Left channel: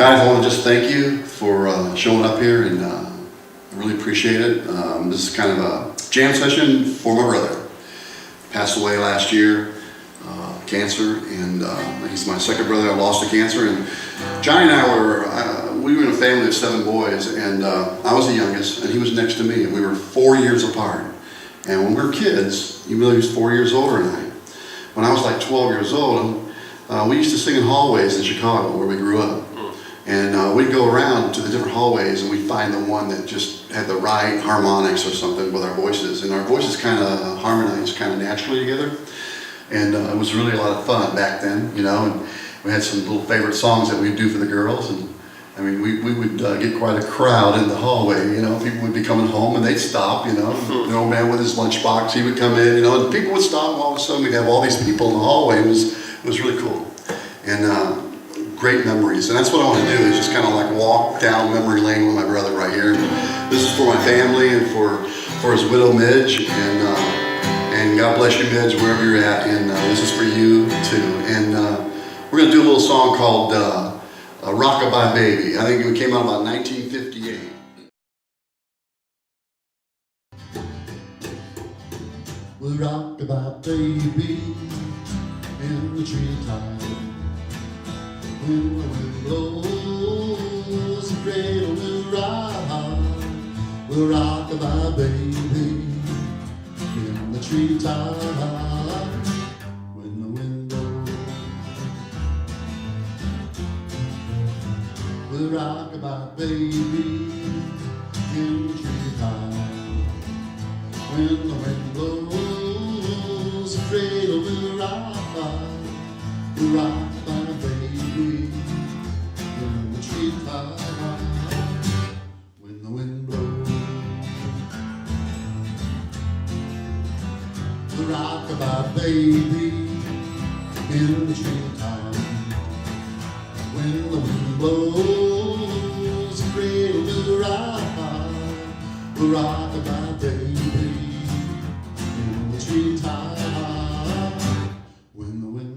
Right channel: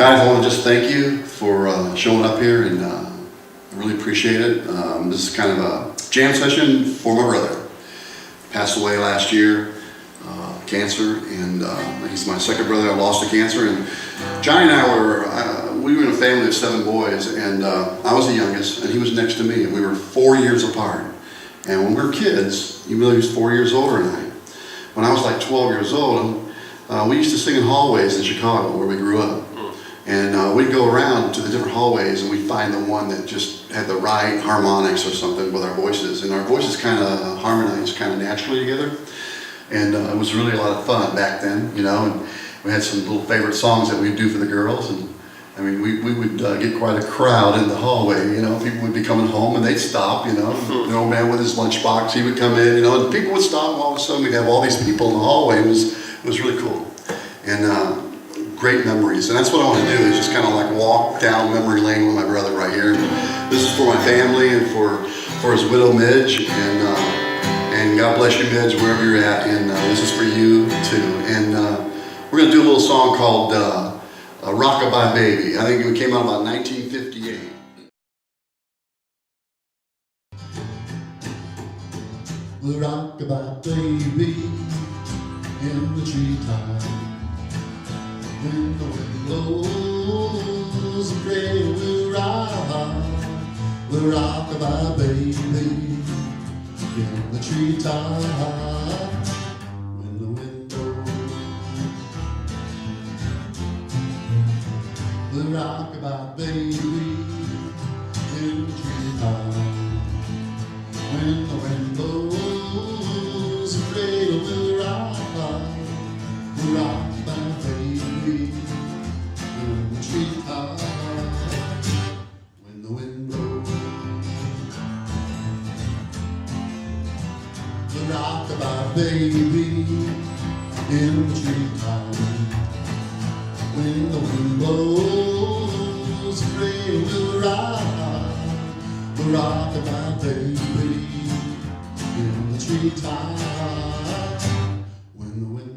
Guys, I want to just thank you for showing up here, and I really appreciate it. This is kind of a jam session for my brother. Passed away last year, cancer, and he's my second brother. I lost to cancer, and Johnny and I we were in a family of 7 boys, and I was the youngest, and he was next to me, and we were 4 years apart. And when we were kids, even though he was 4 years older than I, when I was like 12 years old, we used to sing in hallways in Chicago where we grew up. And we'd go around to the different hallways and we'd find the one that just had the right harmonics or something with our voices. And our voices kind of harmonized kind of naturally together. And it was really a lot of fun back then, you know. And we had some little favorite songs that we'd do for the girls. And I mean, we would get quite a crowd in the hallway, you know. People would be coming home and they'd stop, you know. The old man with his lunchbox, he would come in, you know, and people would stop, and all of a sudden we'd have all these people in the hallway. It was really cool. And great memories, and that's what I want to do, is just kind of like walk down memory lane with my brother right here. This is for my family and for his widow Midge, and God bless you, Midge, wherever you're at, and this is for you too. And we're going to do a little song called Rockabye Baby. I think it came out about 1958. Well, rockabye baby in the treetop. When the wind blows, the cradle will rock. We'll rockabye baby in the treetop. When the wind blows, we'll rockabye baby in the treetop. When the wind blows, the cradle will rock. We'll rockabye baby in the treetop. When the wind blows, the rockabye baby in the treetop. When the wind blows, the cradle will rock. The rockabye baby in the treetop. When the wind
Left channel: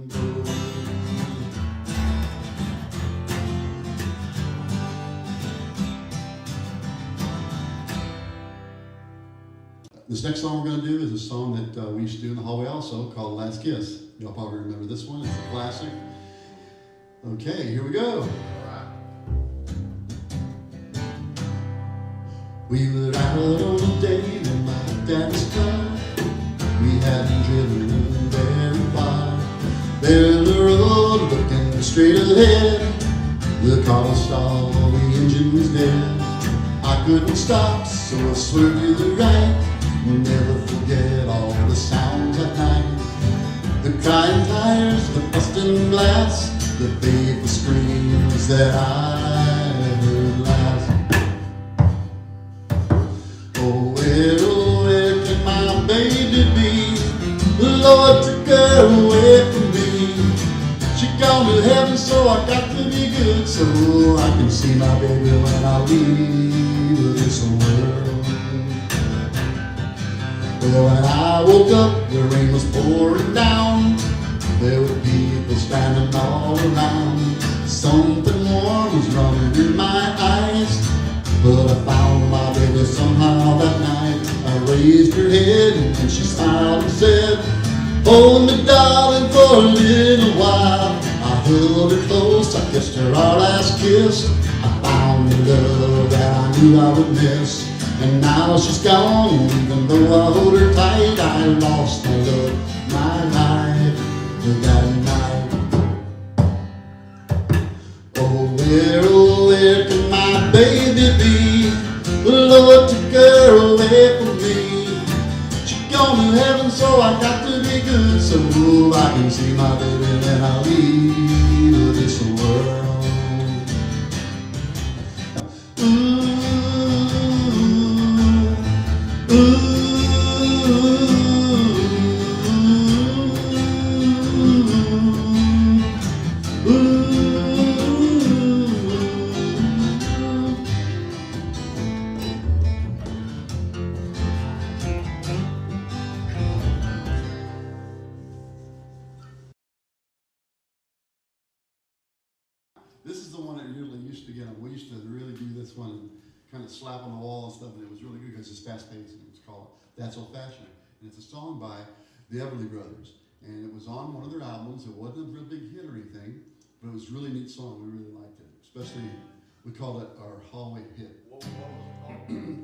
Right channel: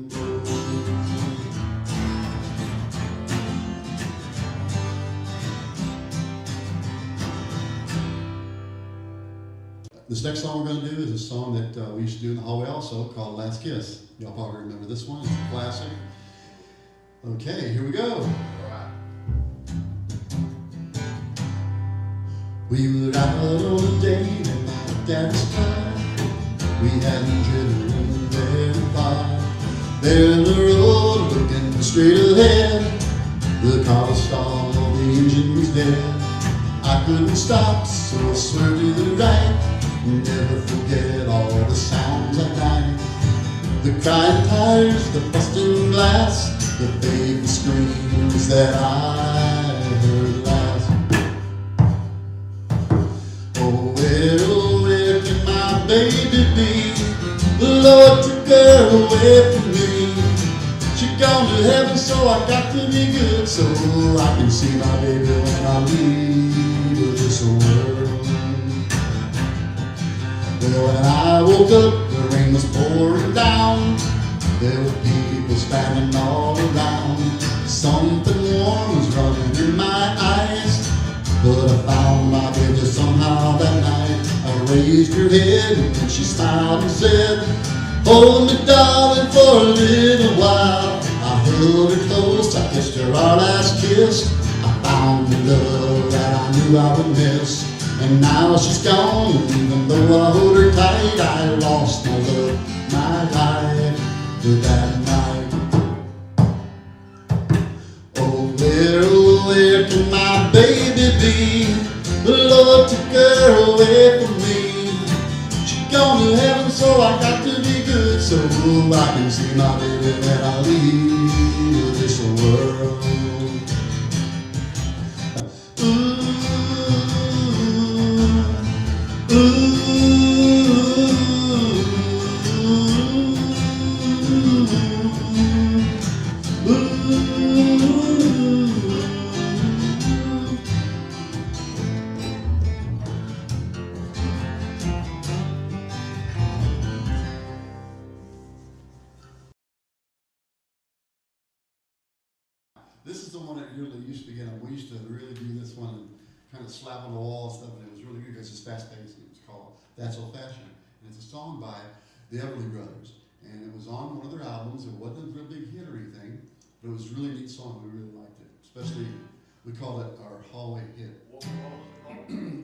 This next song we're going to do is a song that we used to do in the hallway also, called Last Kiss. Y'all probably remember this one. It's a classic. Okay, here we go. We were out on a date in my dad's car. We hadn't driven very far. There in the road, looking straight ahead. The car was stalled, the engine was dead. I couldn't stop, so I swerved to the right. Never forget all the sounds at night. The crying tires, the busting glass, the fatal screams that I heard last. Oh, where can my baby be? The Lord took her away from me. She gone to heaven, so I got to be good, so I can see my baby when I leave this world. Well, when I woke up, the rain was pouring down. There were people standing all around. Something warm was running in my eyes, but I found my baby somehow that night. I raised her head and she smiled and said, "Hold me, darling, for a little while." I held her close, I kissed her our last kiss. I found the love that I knew I would miss. And now she's gone, even though I hold her tight, I lost my love, my life that night. Oh, where can my baby be? The Lord took her away from me. She gone to heaven, so I got to be good, so I can see my baby when I leave this world. Ooh. This is the one that really used to get on. We used to really do this one and kind of slap on the wall and stuff, and it was really good because it's fast paced. It was called That's Old Fashioned. And it's a song by the Everly Brothers. And it was on one of their albums. It wasn't a real big hit or anything, but it was a really neat song. We really liked it. Especially, we called it our hallway hit. What was it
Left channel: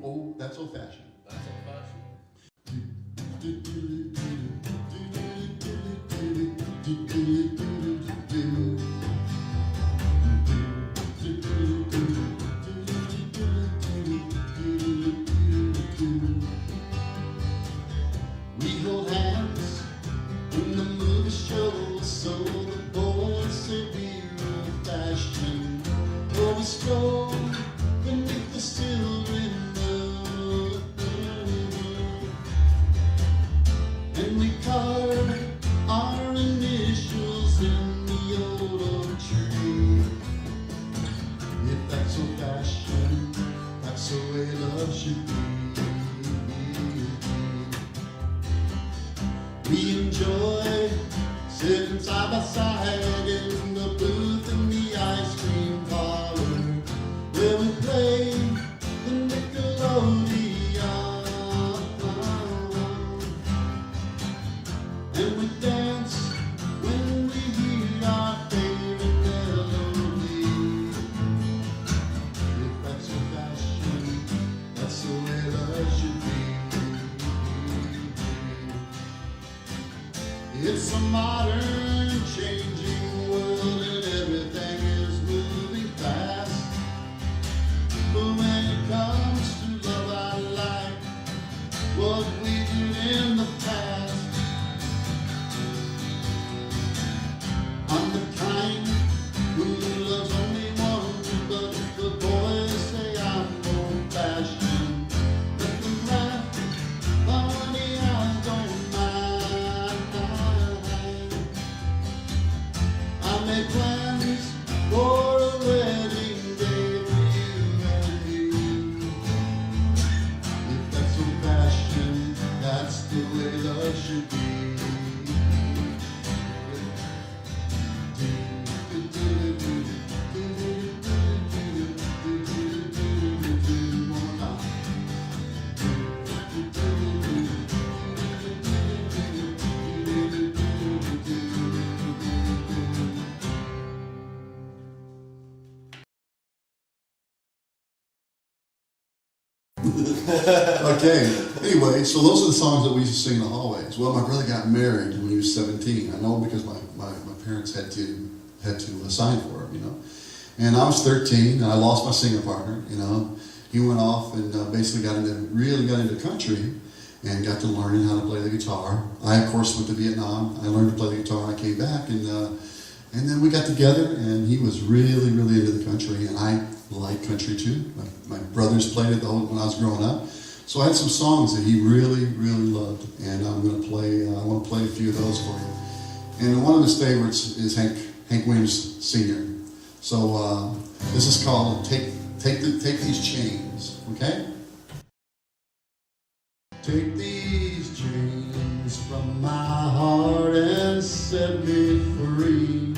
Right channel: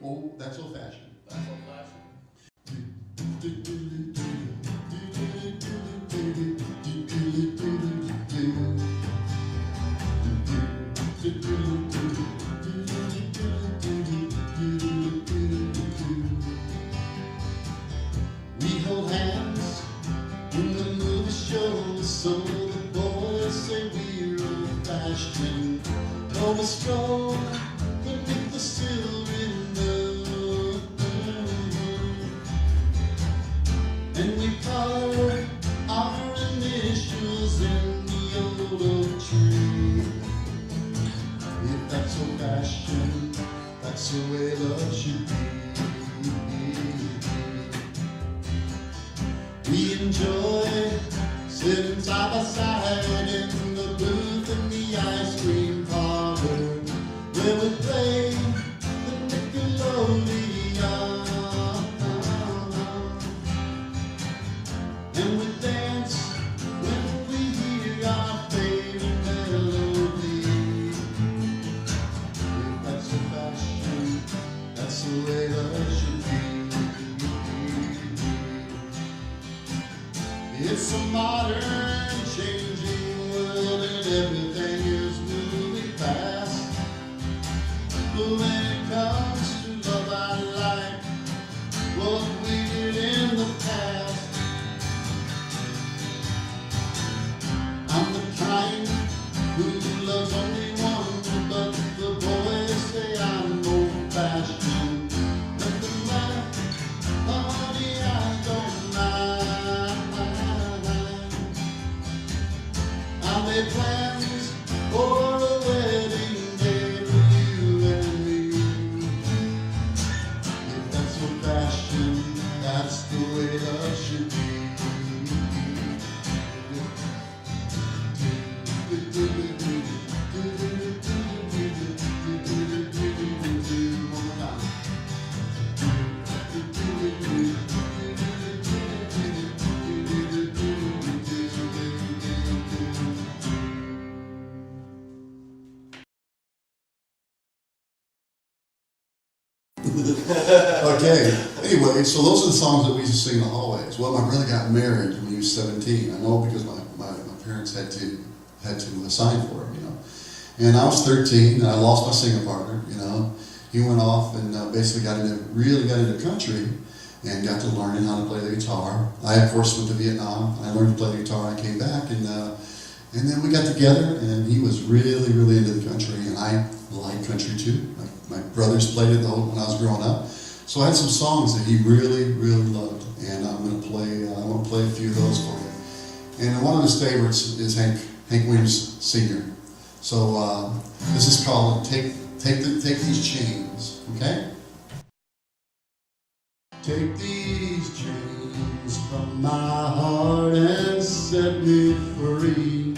called? Oh, That's Old Fashioned. That's Old Fashioned. We hold hands in the movie show, so the boys say we're old-fashioned. Oh, we stroll beneath the silver window, and we carve our initials in the old oak tree. If that's old-fashioned, that's the way love should be. We enjoy sitting side by side in the booth in the ice cream parlor, where we play the Nickelodeon, and we dance when we hear our favorite melody. If that's a fashion, that's the way love should be. It's a modern, changing world, and everything is moving fast. But when it comes to love, I like what we did in the past. I'm the kind who loves only one, but the boys say I'm old-fashioned. Let them laugh, honey, I don't mind. I made plans for a wedding day for you and me. If that's old-fashioned, that's the way love should be. Okay, anyway, so those are the songs that we used to sing in the hallways. Well, my brother got married when he was 17. I know because my parents had to sign for him, you know. And I was 13, and I lost my singing partner, you know. He went off and basically really got into country and got to learning how to play the guitar. I, of course, went to Vietnam. I learned to play the guitar. I came back, and then we got together, and he was really, really into the country, and I like country too. My brothers played it when I was growing up. So I had some songs that he really, really loved, and I want to play a few of those for you. And one of his favorites is Hank Williams Sr. So this is called Take These Chains, okay? Take these chains from my heart and set me free.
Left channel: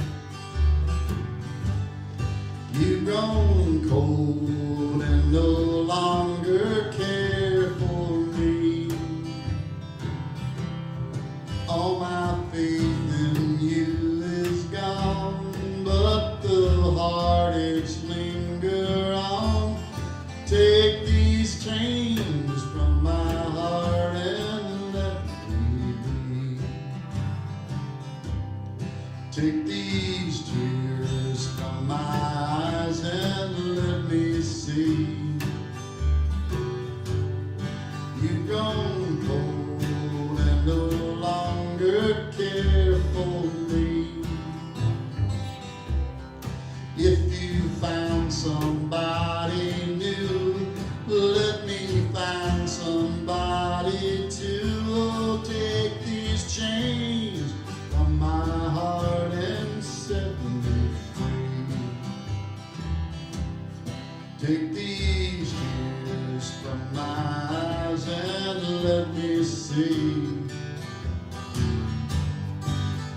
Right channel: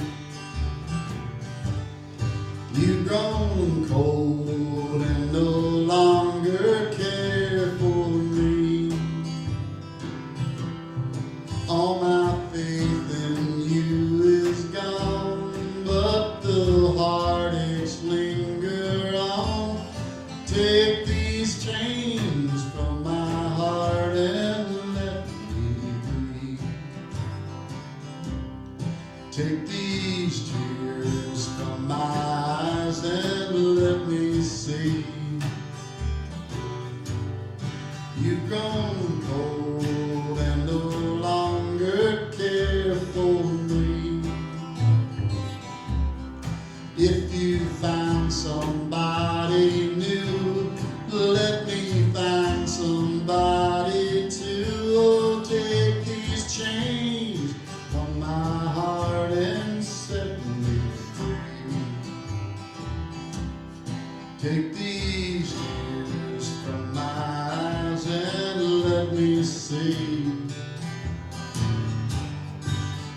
You've grown cold and no longer care for me. All my faith in you is gone, but the heartaches linger on. Take these chains from my heart and let me be. Take these tears from my eyes and let me see. You've grown cold and no longer care for me. If you found somebody new, let me find somebody too. Oh, take these chains from my heart and set me free. Take these tears from my eyes and let me see.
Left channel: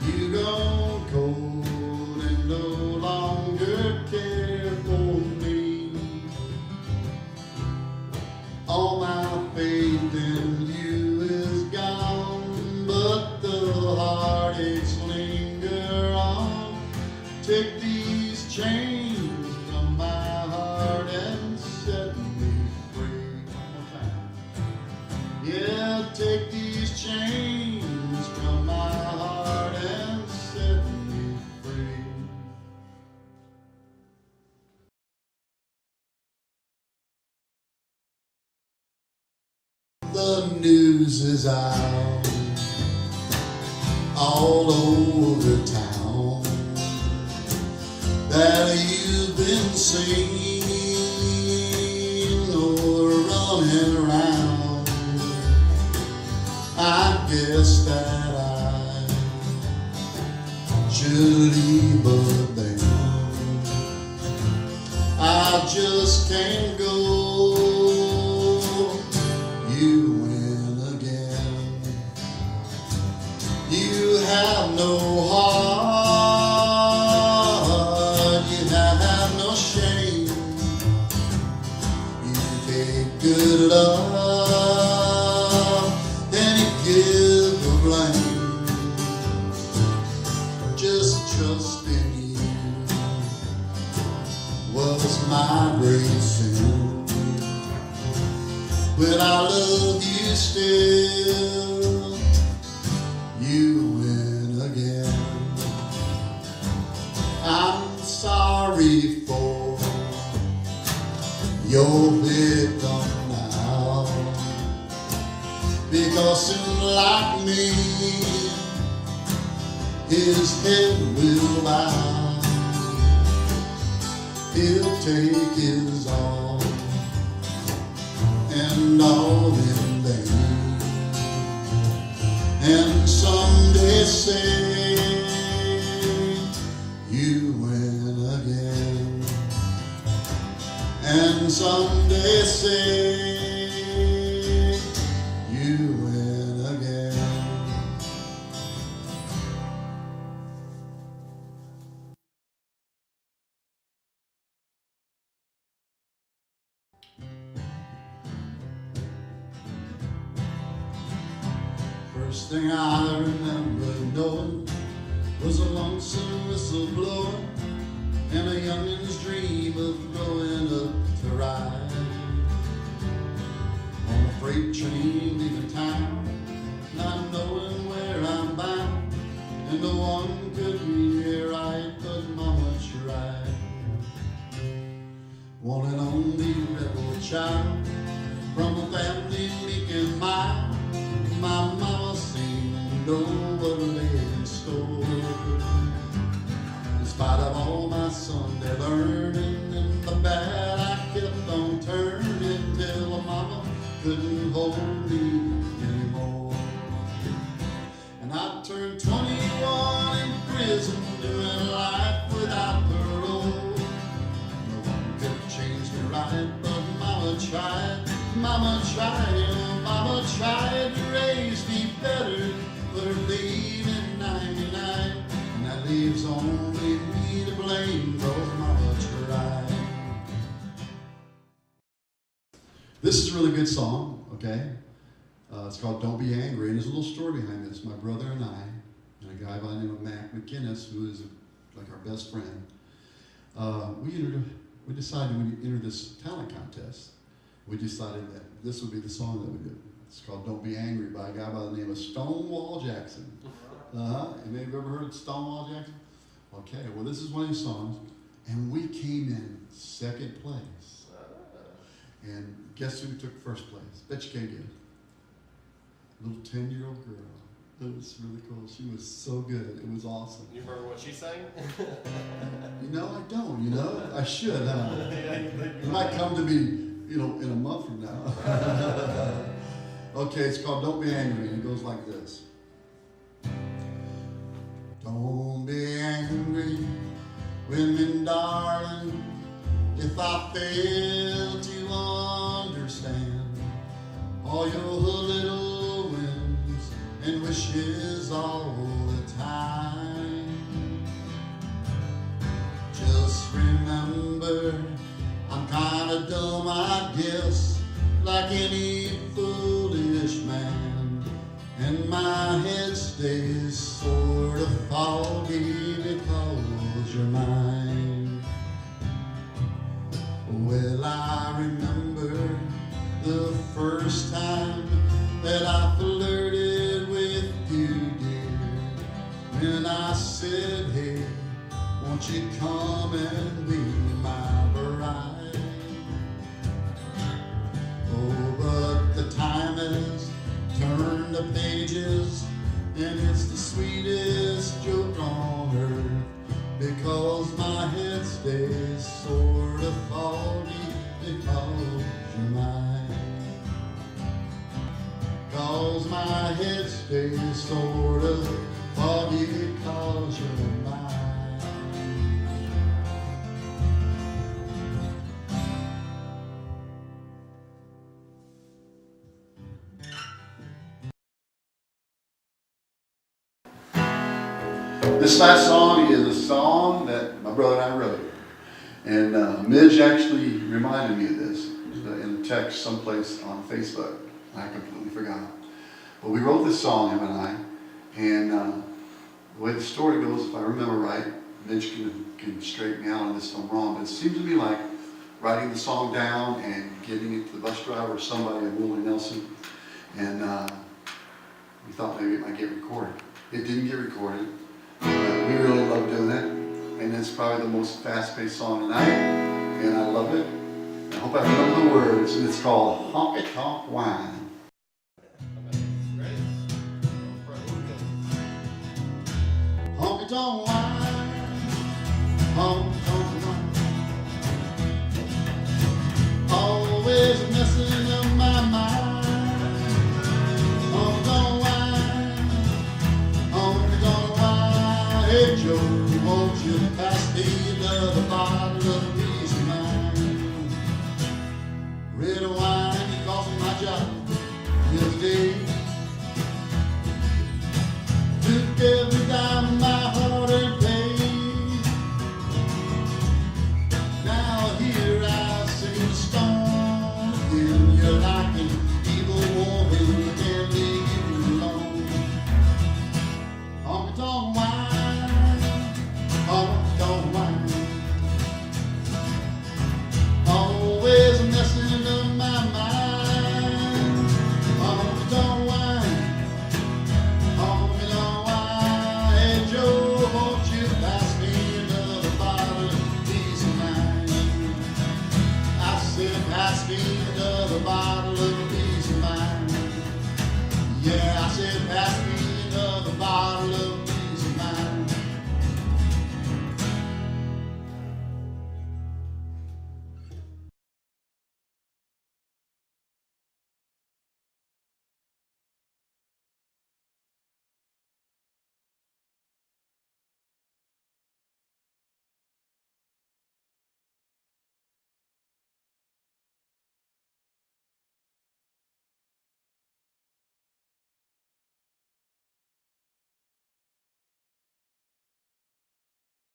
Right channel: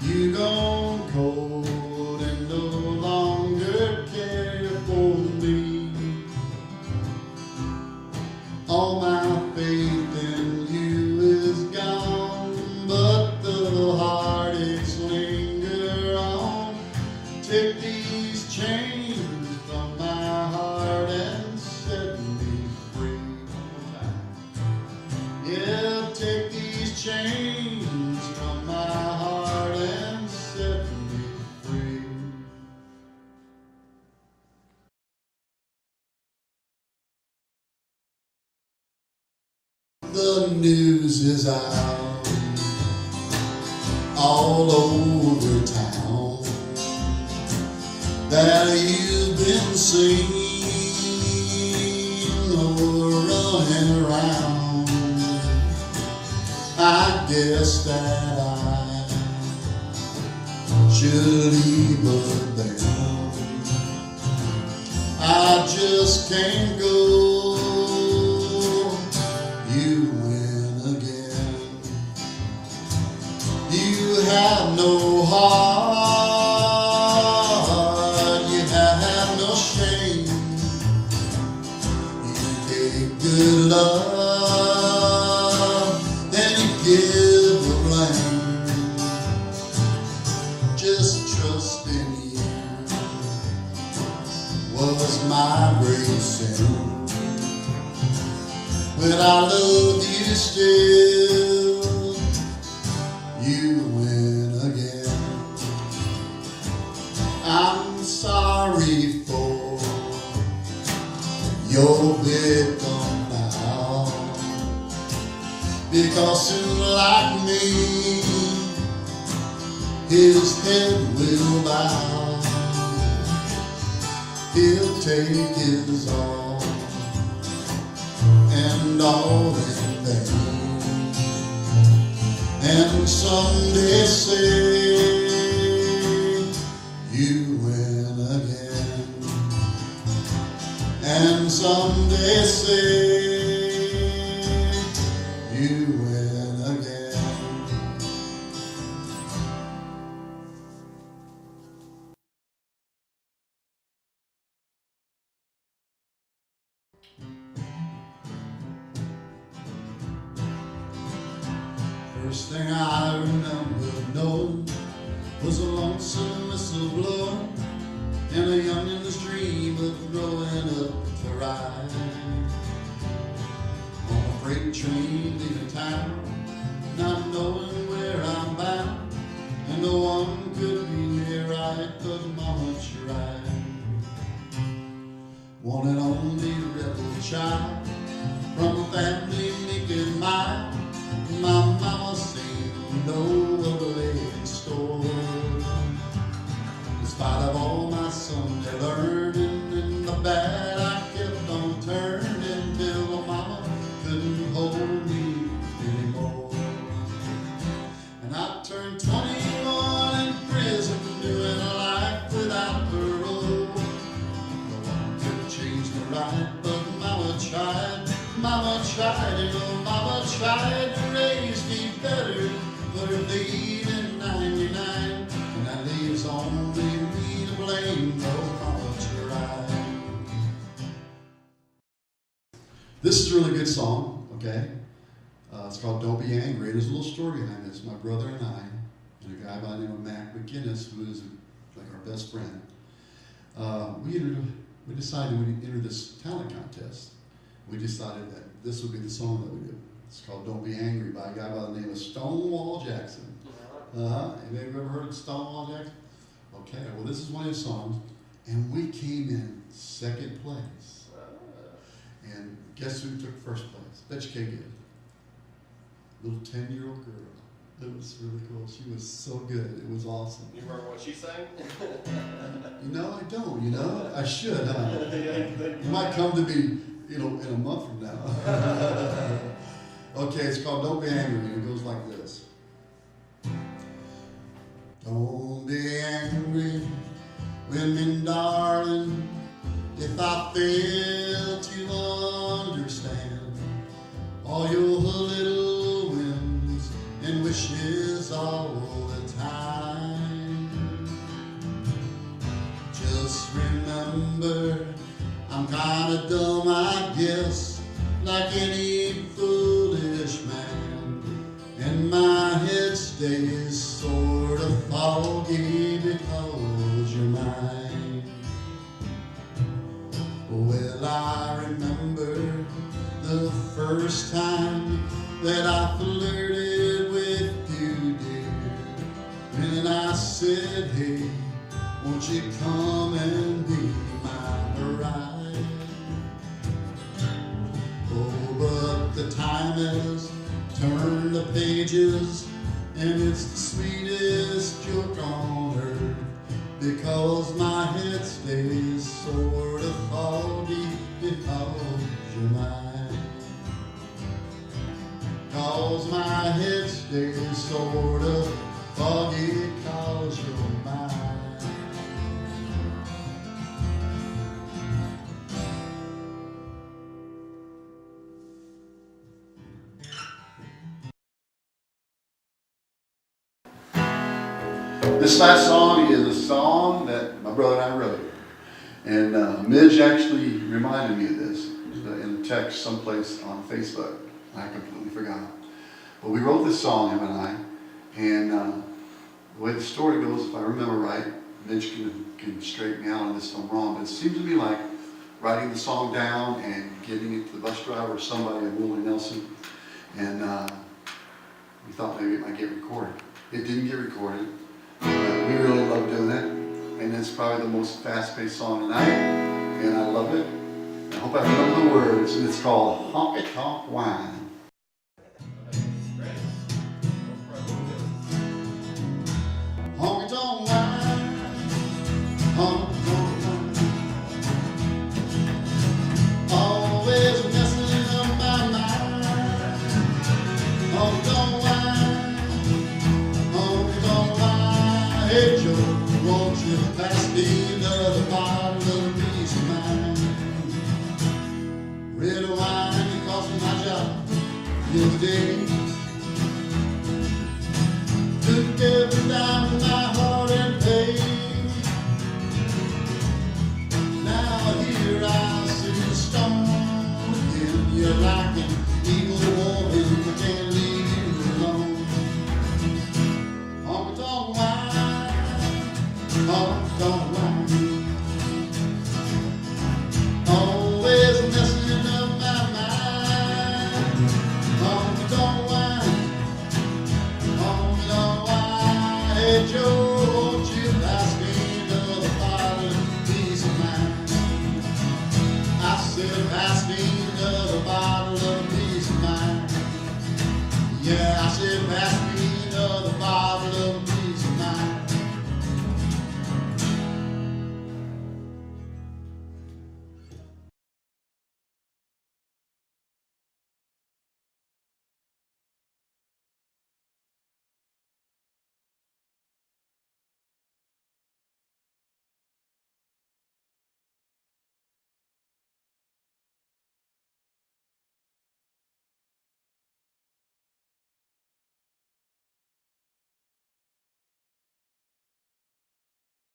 You gone cold and no longer care place will linger on. Take these chains from my heart and set me free. One more time. Yeah, take these chains from my heart and set me free. The news is out all over town that you've been seen running around. I guess that I should leave, but then I just can't go. You win again. You have no heart, you have no shame. You take good love, then you give the blame. Just trust in you was my great sin. But I love you still. You win again. I'm sorry for your victim now, because soon like me, his head will bow. He'll take his all and all in vain, and someday say you win again, and someday say you win again. First thing I remember knowing was a lonesome whistle blowing and a youngin's dream of growing up to ride on a freight train leaving town, not knowing where I'm bound, and no one could be near right but Mama tried. One and only rebel child from a family meek and mild. My mama seemed to know what lay in store. In spite of all my Sunday learning and the bad, I kept on turning till my mama couldn't hold me anymore. And I turned 21 in prison, doing life without parole. No one could change me right, but Mama tried. Mama tried, you know, Mama tried to raise me better, but her leaving 99, and that leaves only me to blame, 'cause Mama tried. This is a really good song, okay? It's called Don't Be Angry, and there's a little story behind this. My brother and I, and a guy by the name of Mac McInnes, who is like our best friend, we decided we'd enter this talent contest. We decided that this would be the song that we do. It's called Don't Be Angry by a guy by the name of Stonewall Jackson. Have you ever heard of Stonewall Jackson? Okay, well this is one of his songs, and we came in second place. And guess who took first place? Bet you can't get it. Little 10-year-old girl. It was really cool. She was so good. It was awesome. You remember what she sang? You know, I don't, you know? I should, huh? You might come to me, you know, in a month from now. Okay, it's called Don't Be Angry, and it goes like this. Don't be angry with me, darling, if I fail to understand all your little whims and wishes all the time. Just remember, I'm kinda dumb, I guess, like any foolish man, and my head stays sort of won't you come and be my bride? Oh, but the time has turned the pages, and it's the sweetest joke on earth, because my head stays sort of foggy because you're mine. 'Cause my head stays sort of foggy cause you're mine. This last song is a song that my brother and I wrote. And Midge actually reminded me of this in a text someplace on Facebook. I completely forgot. But we wrote this song, him and I. And the way the story goes, if I remember right, Midge can straighten me out on this if I'm wrong, but it seems to me like writing the song down and giving it to the bus driver or somebody at Willie Nelson. And we thought maybe it might get recorded. It didn't get recorded. We really love doing it, and it's probably the most fast-paced song tonight, and I love it. I hope I remember the words, and it's called Honky Tonk Wine. Honky tonk wine, honky tonk wine, always messing up my mind. Honky tonk wine, honky tonk wine. Hey Joe, won't you pass me another bottle of peace of mind? Red wine that cost me my job the other day. Took every dime of my heart and pain. Now here I see the storm again. You're like an evil woman, I can't leave you alone. Honky tonk wine, honky tonk wine, always messing up my mind. Honky tonk wine, honky tonk wine. Hey Joe, won't you